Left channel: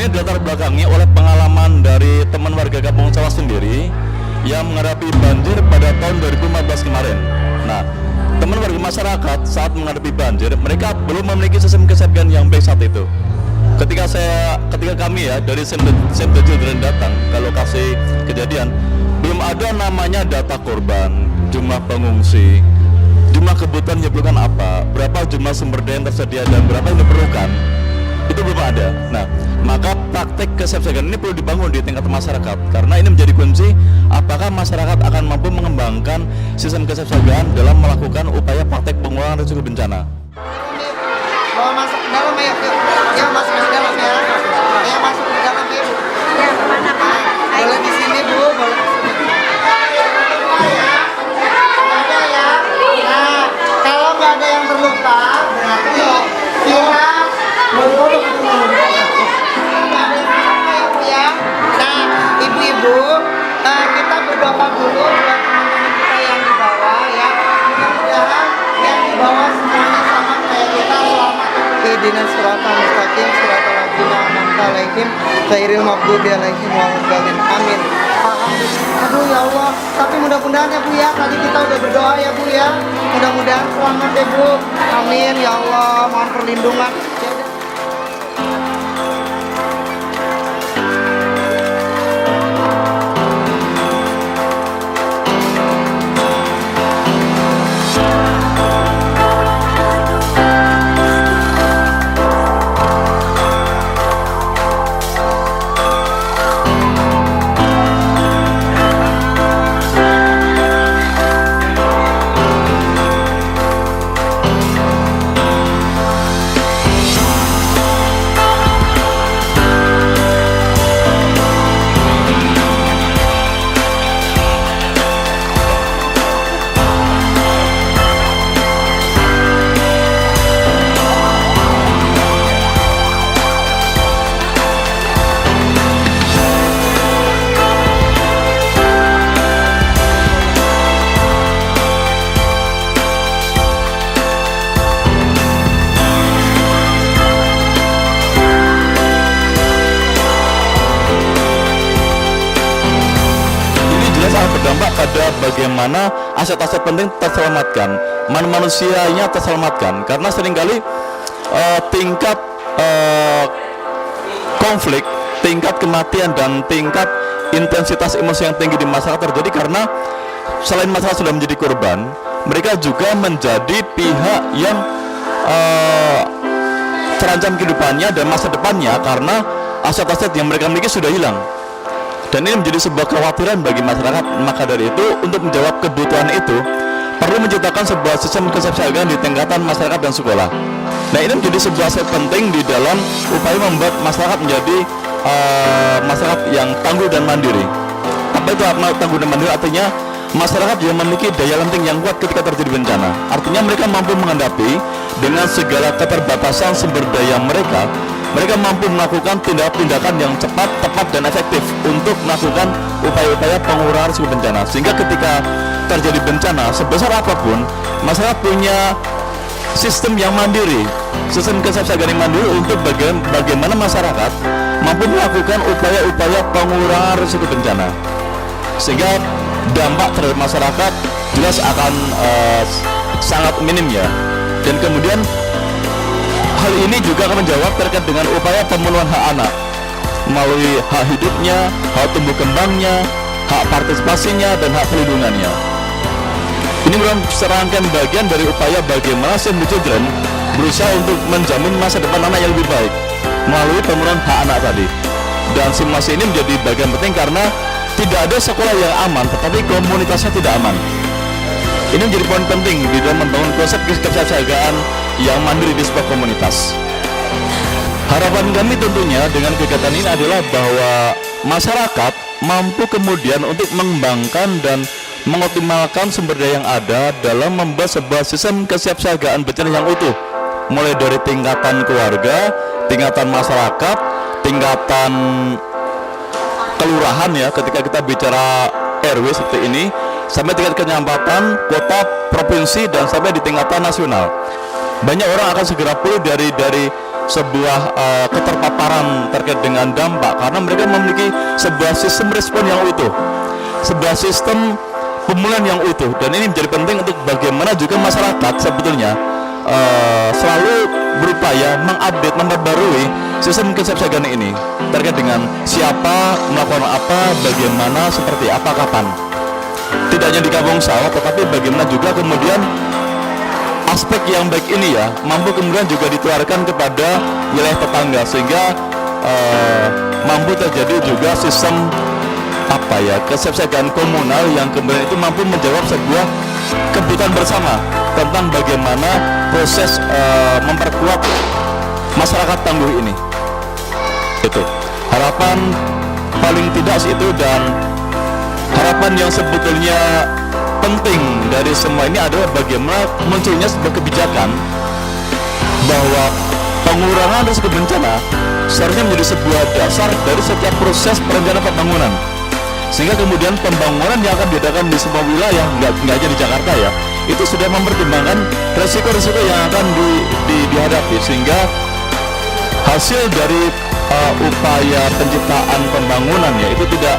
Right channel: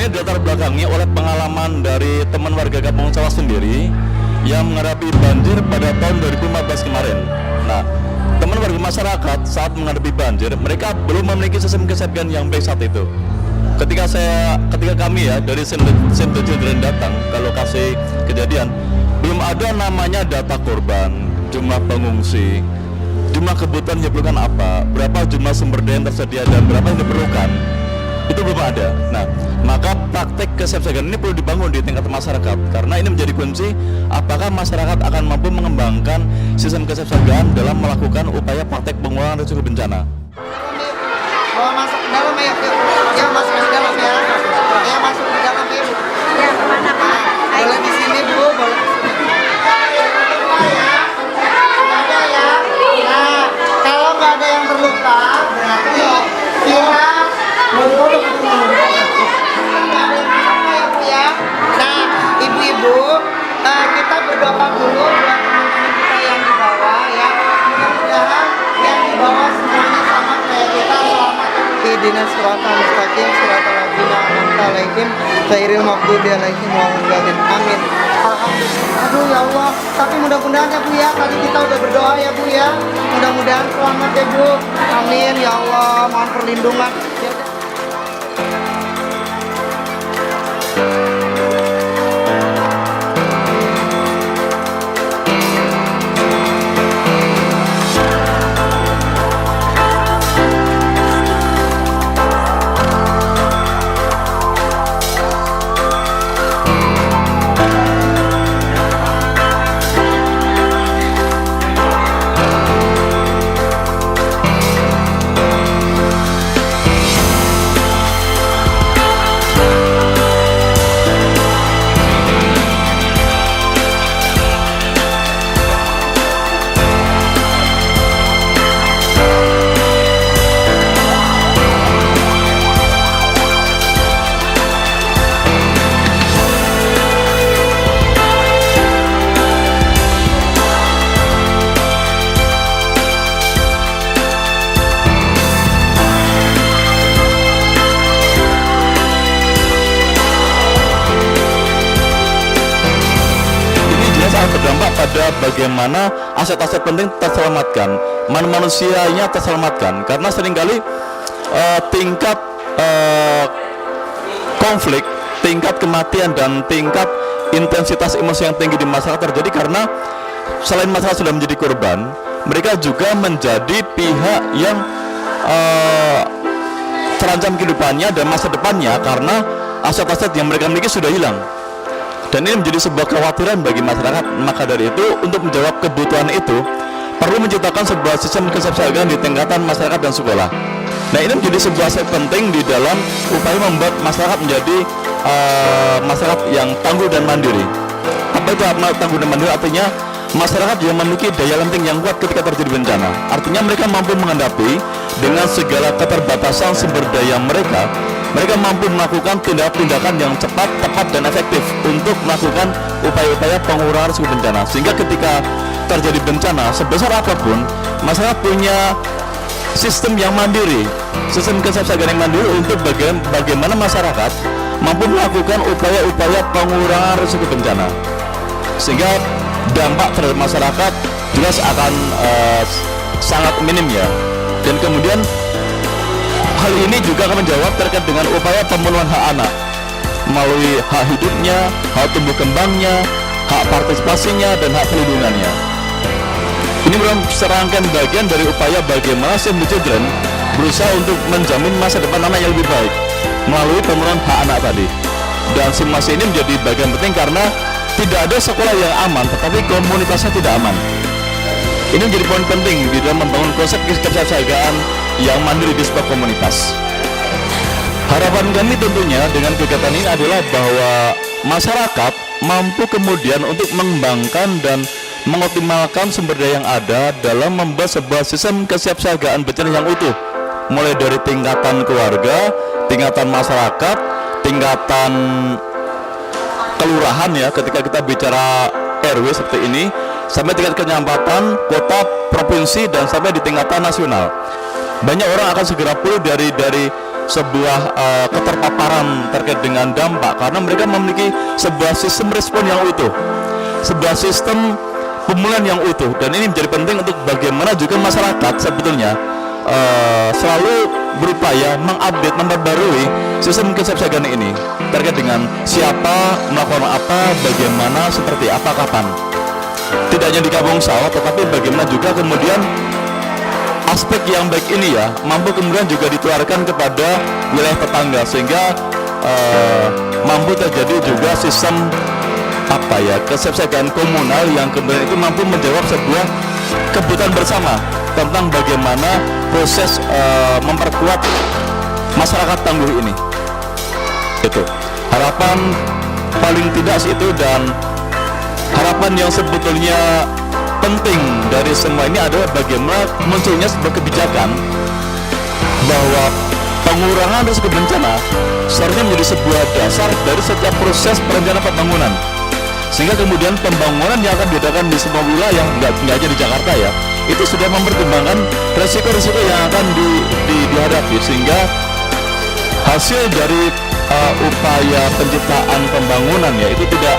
sebenarnya latar belakangnya oleh pengalaman dari teman warga Kampung Sawah sendiri yang menghadapi banjir pada tahun 2014 kemarin. Nah, teman warga masyarakat saat menghadapi banjir, mereka belum memiliki sistem kesiapan yang baik saat itu. Ketika kami ya dari Save the Children datang ke lokasi kejadian, belum ada namanya data korban, jumlah pengungsi, jumlah kebutuhan yang diperlukan apa, berapa jumlah sumber daya yang tersedia dan berapa yang diperlukan, itu belum ada. Nah, maka praktek kesiapsiagaan ini perlu dibangun di tingkat masyarakat, karena ini menjadi kunci apakah masyarakat akan mampu mengembangkan sistem kesiapsiagaan dalam melakukan upaya praktek pengurangan risiko bencana. Bawa masuk ke dalam ya, yuk. Ya masuk ke dalam ya. Ya masuk ke dalam ya, Bu. Ya, kemana Pak? Boleh di sini, Bu, boleh di sini. Ada ya. Nah, kalau nggak ada yang terluka, berarti kita bodoh ya. Nah, ibu-ibu, kita berdoa dulu buat teman-teman kita yang di bawah ya. Mudah-mudahan yang di bawah semuanya sama kayak kita selamat. Ihdinas siratal mustaqim, siratal ladzina an'amta 'alaihim ghairil maghdubi 'alaihim waladdallin. Amin. Alhamdulillah. Aduh ya Allah, tapi mudah-mudahan ya Bu ya, tadi kita udah berdoa ya Bu ya. Mudah-mudahan selamat ya Bu. Amin ya Allah, mohon perlindungan. Ya udah. Sangat berdampak pada bagaimana aset-aset penting terselamatkan, manusianya terselamatkan, karena seringkali tingkat konflik, tingkat kematian dan tingkat intensitas emosi yang tinggi di masyarakat terjadi karena selain masyarakat sudah menjadi korban, mereka juga menjadi pihak yang terancam kehidupannya dan masa depannya karena aset-aset yang mereka miliki sudah hilang. Dan ini menjadi sebuah kekhawatiran bagi masyarakat. Maka dari itu, untuk menjawab kebutuhan itu, perlu menciptakan sebuah sistem kesiapsiagaan di tingkatan masyarakat dan sekolah. Nah, ini menjadi sebuah aspek penting di dalam upaya membuat masyarakat menjadi masyarakat yang tangguh dan mandiri. Apa itu tangguh dan mandiri? Artinya masyarakat yang memiliki daya lenting yang kuat ketika terjadi bencana. Artinya mereka mampu menghadapi dengan segala keterbatasan sumber daya mereka. Mereka mampu melakukan tindakan-tindakan yang cepat, tepat, dan efektif untuk melakukan upaya-upaya pengurangan risiko bencana. Sehingga ketika terjadi bencana, sebesar apapun, masyarakat punya sistem yang mandiri, sistem kesiapsiagaan yang mandiri untuk bagaimana masyarakat mampu melakukan upaya-upaya pengurangan risiko bencana. Sehingga dampak terhadap masyarakat jelas akan sangat minim ya. Dan kemudian hal ini juga akan menjawab terkait dengan upaya pemenuhan hak anak melalui hak hidupnya, hak tumbuh kembangnya, hak partisipasinya, dan hak perlindungannya. Ini merupakan serangkaian bagian dari upaya bagaimana Save the Children berusaha untuk menjamin masa depan anak yang lebih baik melalui pemenuhan hak anak tadi. Dan simulasi ini menjadi bagian penting karena tidak ada sekolah yang aman, tetapi komunitasnya tidak aman. Ini menjadi poin penting di dalam membangun konsep kesiapsiagaan yang mandiri di sebuah komunitas. Harapan kami tentunya dengan kegiatan ini adalah bahwa masyarakat mampu kemudian untuk mengembangkan dan mengoptimalkan sumber daya yang ada dalam membuat sebuah sistem kesiapsiagaan bencana yang utuh, mulai dari tingkatan keluarga, tingkatan masyarakat, tingkatan kelurahan ya, ketika kita bicara RW seperti ini, sampai tingkat kecamatan, kota, provinsi, dan sampai di tingkatan nasional. Banyak orang akan segera pulih dari sebuah keterpaparan terkait dengan dampak, karena mereka memiliki sebuah sistem respon yang utuh, sebuah sistem pemulihan yang utuh. Dan ini menjadi penting untuk bagaimana juga masyarakat sebetulnya selalu berupaya mengupdate, memperbarui sistem kesiapsiagaan ini terkait dengan siapa melakukan apa, bagaimana, seperti apa, kapan. Tidak hanya di Kampung Sawah, tetapi bagaimana juga kemudian aspek yang baik ini ya mampu kemudian juga ditularkan kepada wilayah tetangga, sehingga mampu terjadi juga sistem kesiapsiagaan komunal yang kemudian itu mampu menjawab sebuah kebutuhan bersama tentang bagaimana proses memperkuat masyarakat tangguh ini. Itu harapan paling tidak itu, dan harapan yang sebetulnya penting dari semua ini adalah bagaimana munculnya sebuah kebijakan bahwa pengurangan risiko bencana seharusnya menjadi sebuah dasar dari setiap proses perencanaan pembangunan, sehingga kemudian pembangunan yang akan diadakan di semua wilayah, nggak aja di Jakarta ya, itu sudah mempertimbangkan resiko-resiko yang akan dihadapi, sehingga hasil dari upaya penciptaan pembangunan ya itu tidak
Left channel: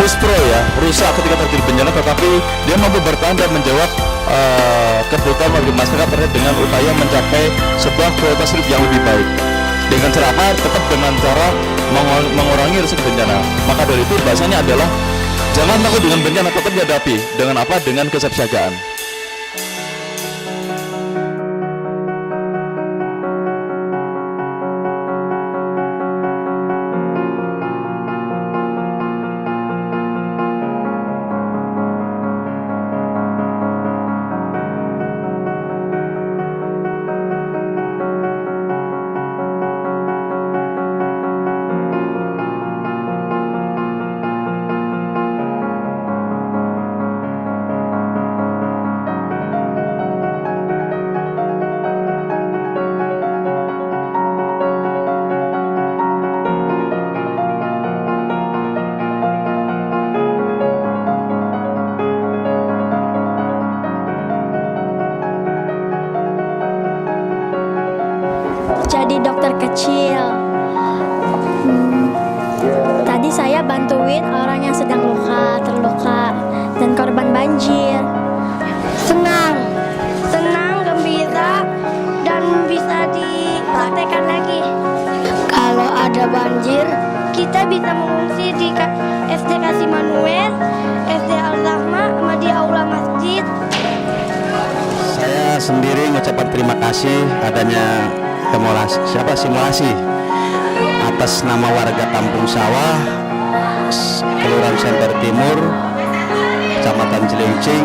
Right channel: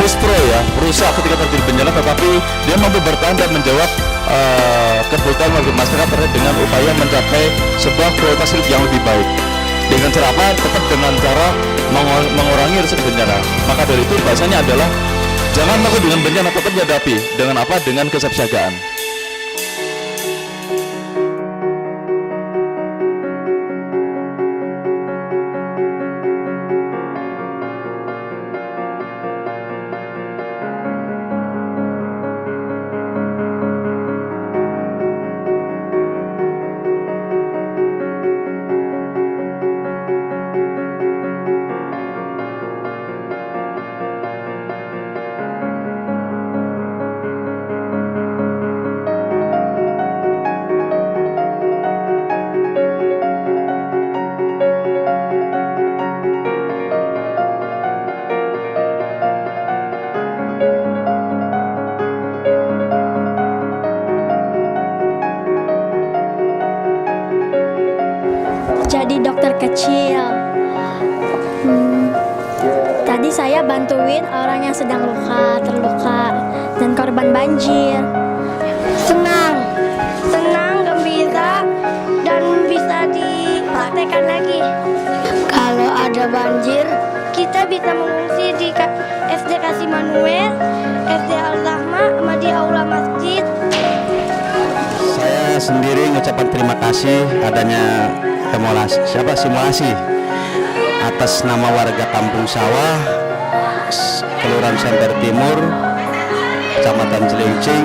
muspro ya, rusak ketika terjadi bencana, tetapi dia mampu bertahan dan menjawab kebutuhan warga masyarakat terkait dengan upaya mencapai sebuah kualitas hidup yang lebih baik. Dengan cara apa? Tetap dengan cara mengurangi risiko bencana. Maka dari itu bahasanya adalah jangan takut dengan bencana, tetap dihadapi dengan apa? Dengan kesiapsiagaan. Jadi dokter kecil. Tadi saya bantuin orang yang sedang terluka, dan korban banjir. Senang, gembira, dan bisa dipraktekkan lagi. Kalau ada banjir, kita bisa mengungsi di SD Kasih Manuel, SD Al-Rahma, sama di aula masjid. Saya sendiri mengucapkan terima kasih adanya simulasi atas nama warga Kampung Sawah, Kelurahan Semper Timur, Kecamatan Cilincing,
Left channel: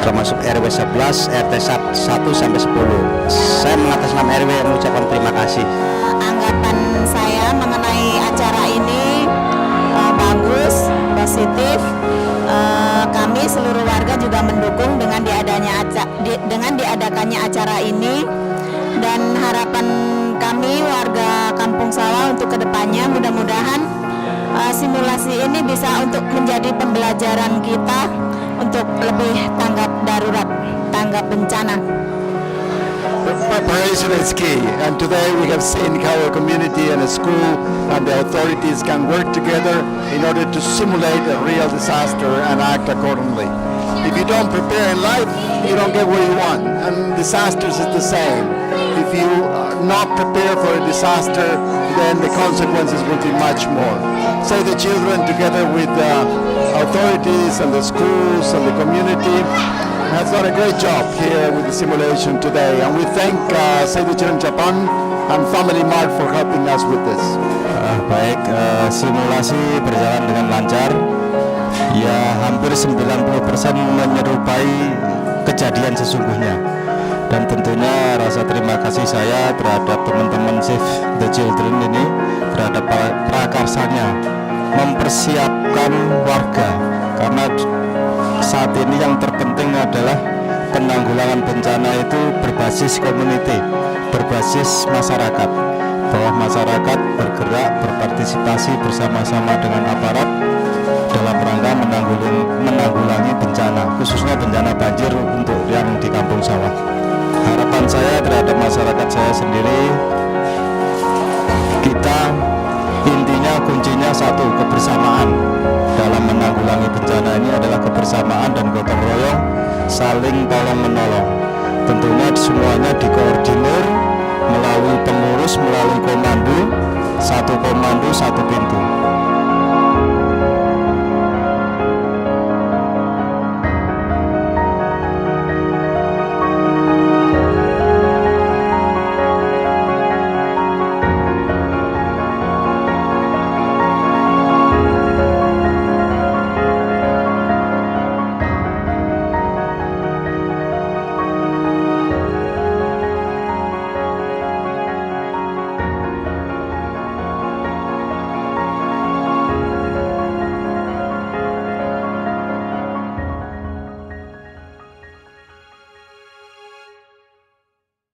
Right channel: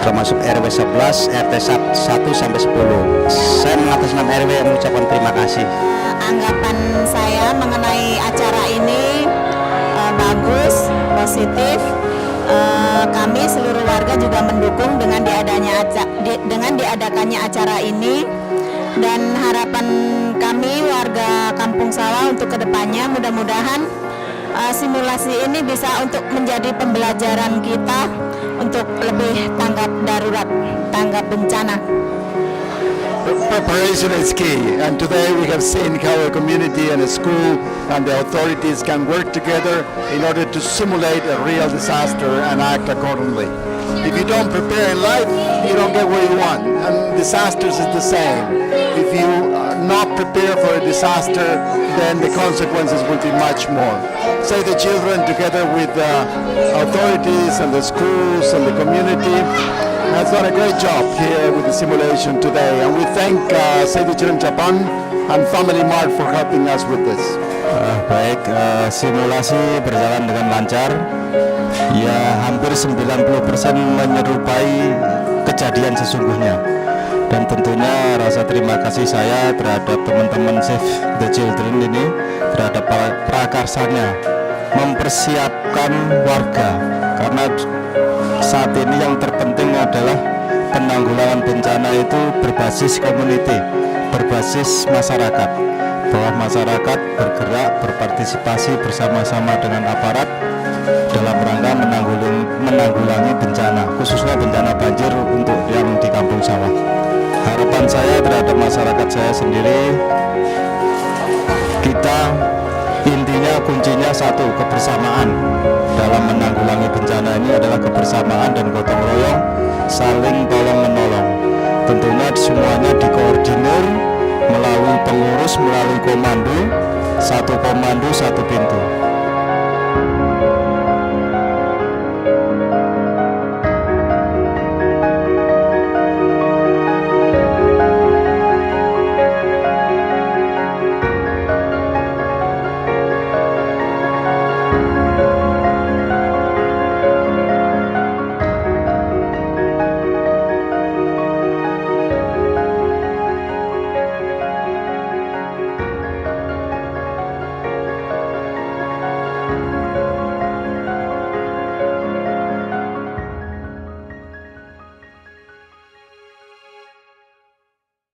termasuk RW 11, RT 1 sampai 10. Saya mengatasnamakan RW mengucapkan terima kasih. Anggapan saya mengenai acara ini bagus, positif. Kami seluruh warga juga mendukung dengan diadakannya acara ini. Dan harapan kami warga Kampung Sawah untuk kedepannya mudah-mudahan simulasi ini bisa untuk menjadi pembelajaran kita untuk lebih tanggap darurat, tanggap bencana. Preparation is key, and today we have seen how a community and a school and the authorities can work together in order to simulate a real disaster and act accordingly. If you don't prepare in life, you don't get where you want, and disasters is the same. If you are not prepared for a disaster, then the consequences will be much more. Save the Children, together with the authorities and the schools and the community, has done a great job here with the simulation today, and we thank Save the Children Japan and Family Mart for helping us with this. Baik, simulasi berjalan dengan lancar. Ya, hampir 90% menyerupai kejadian sesungguhnya. Dan tentunya rasa terima kasih saya terhadap teman-teman Save the Children ini, terhadap prakarsanya mempersiapkan warga, karena saat ini yang terpenting adalah penanggulangan bencana itu berbasis community, berbasis masyarakat, bahwa masyarakat bergerak, berpartisipasi bersama-sama dengan aparat dalam rangka menanggulangi bencana, khususnya bencana banjir untuk yang di Kampung Sawah. Harapan saya terhadap masyarakat saya sendiri, kita intinya kuncinya satu, kebersamaan. Dalam menanggulangi bencana ini adalah kebersamaan dan gotong royong, saling tolong menolong. Tentunya semuanya dikoordinir melalui pengurus, melalui komando, satu pintu.